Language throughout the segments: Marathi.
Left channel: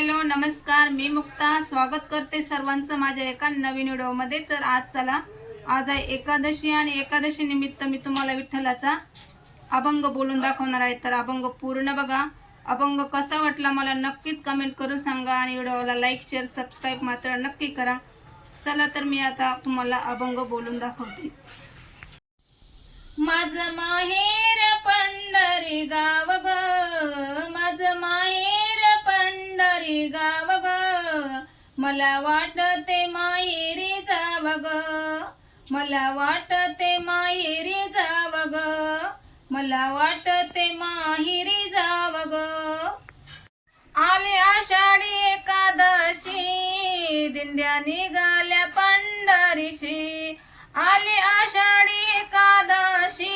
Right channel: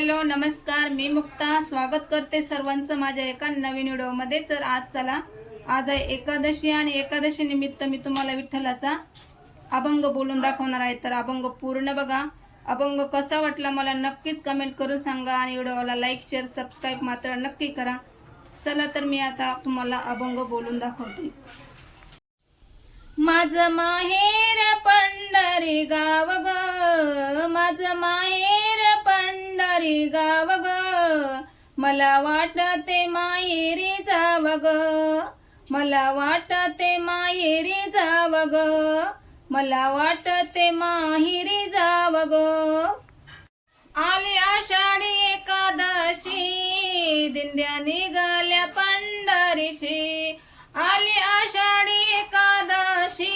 हॅलो नमस्कार, मी मुक्ता स्वागत करते सर्वांचं माझ्या एका नवीन व्हिडिओमध्ये। तर आज आहे एकादशी आणि एकादशी निमित्त मी तुम्हाला विठ्ठलाचा अभंग बोलून दाखवणार आहे। तर अभंग पूर्ण बघा। अभंग कसा वाटला मला नक्कीच कमेंट करून सांगा आणि व्हिडिओला लाईक शेअर सबस्क्राईब मात्र नक्की करा। चला तर मी आता तुम्हाला अभंग बोलून दाखवते। माझं माहेर पंढरी गाव ग, माझं माहेर पंढरी गाव ग, मला वाटते माहेरी जाव ग, मला वाटते माहेरी जाव ग, मला वाटते माहेरी जाव ग। आली आषाढी एकादशी, दिंड्या निघाल्या पंढरीशी, आली आषाढी एकादशी,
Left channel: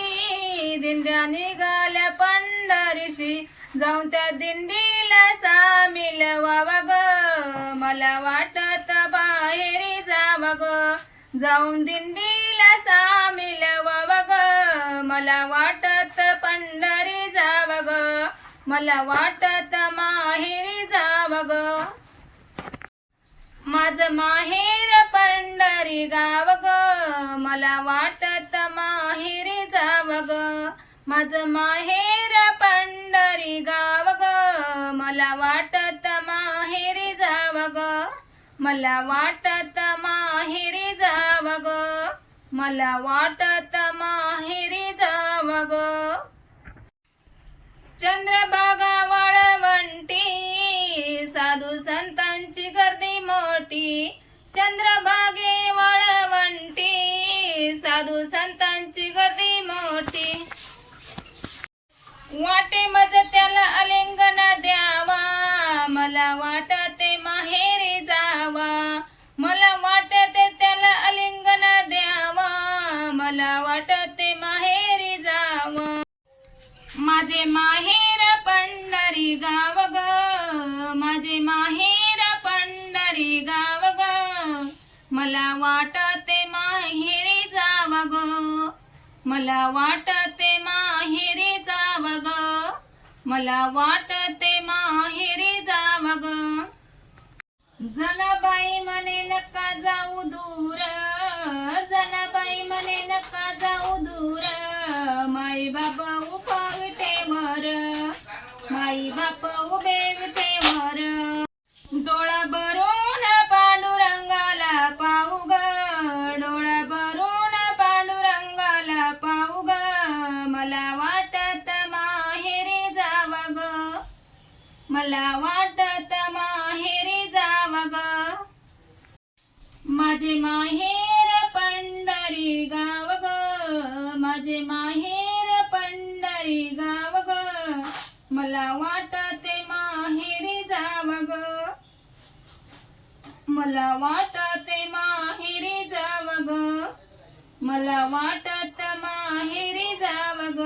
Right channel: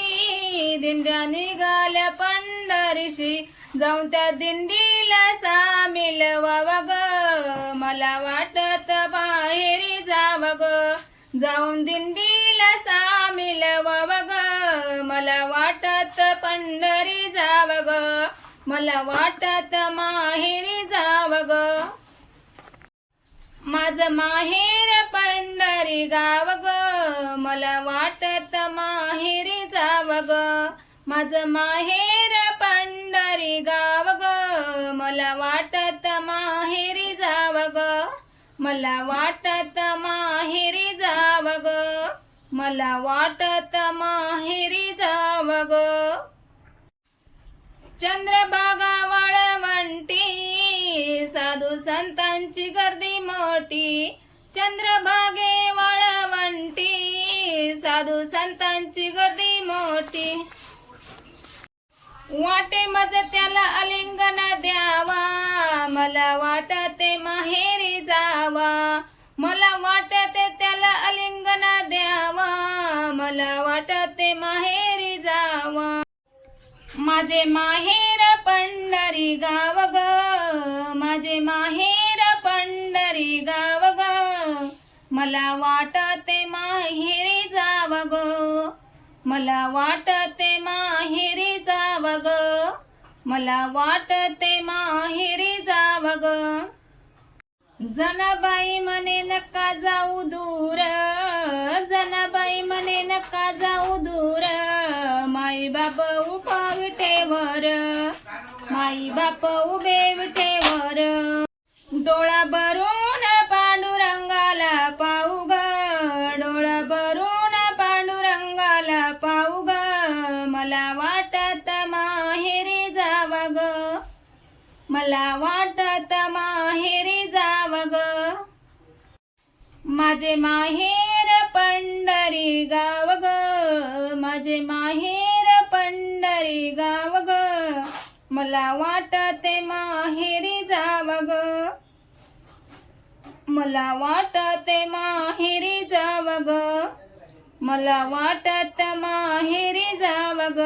दिंड्या निघाल्या पंढरीशी, जाऊन त्या दिंडीला सामील व्हावा ग, मला वाटत बाहेरी जाव ग, जाऊन दिंडीला सामील व्हावा ग, मला वाटत पंढरी जाव ग, मला वाटत माहेरी जाव ग। माझं माहेर पंढरी गाव ग, मला वाटत माहेरी जाव ग, माझं माहेर पंढरी गाव ग, मला वाटत माहेरी जाव ग, मला वाटत माहेरी जाव ग, मला वाटत माहेरी जाव ग। चंद्रभागा वाळवंटी, साधू संतांची गर्दी मोठी, चंद्रभागे वाळवंटी, साधू संतांची गर्दी मोठी, वाटे मज त्याला आलिंगन द्यावा, मला वाटते माहेरी जावा, मला वाटते त्याला आलिंगन द्यावा, मला वाटते माहेरी जावा। माझे माहेर पंढरी गाव ग, माझे माहेर पंढरी गाव ग, मला वाटते माहेरी जाव ग, मला वाटते माहेरी जाव ग, मला वाटते माहेरी जाव ग। जनाबाई म्हणे नका जाऊ दूर, जनाबाई म्हणे नका जाऊ दूर, माई बाप उभा विटेवर, माई बाप उभे विटेवर, डोळा भरून पांडुरंगाला पाहू ग, डोळा भरून पांडुरंगाला पाहू ग, मला वाटत माहेरी जाव ग, मला वाटत माहेरी जाव ग। माझे माहेर पंढरी गाव ग, माझे माहेर पंढरी गाव ग, मला वाटते माहेरी जाव ग, मला वाटते माहेरी जाव ग, मला वाटत माहेरी जाव ग।